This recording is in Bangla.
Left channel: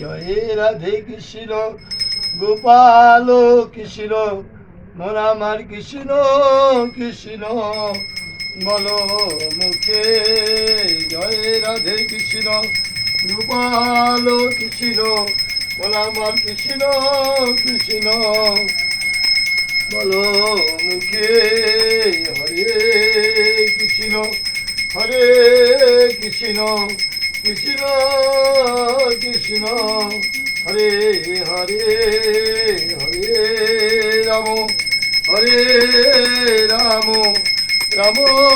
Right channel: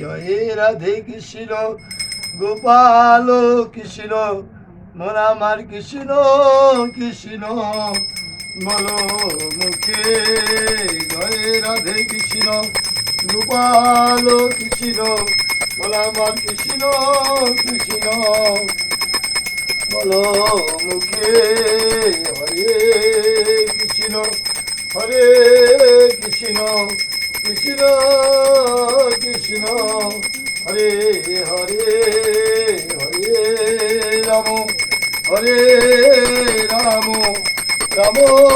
জয় রাধে কৃষ্ণ গোপাল কৃষ্ণ মন আমার কৃষ্ণ কৃষ্ণ বলো মুখে জয় রাধে কৃষ্ণ গোপাল কৃষ্ণ বল আমার কৃষ্ণ কৃষ্ণ বলো মুখে, হরে কৃষ্ণ হরে কৃষ্ণ কৃষ্ণ হরে রাম হরে রাম রাম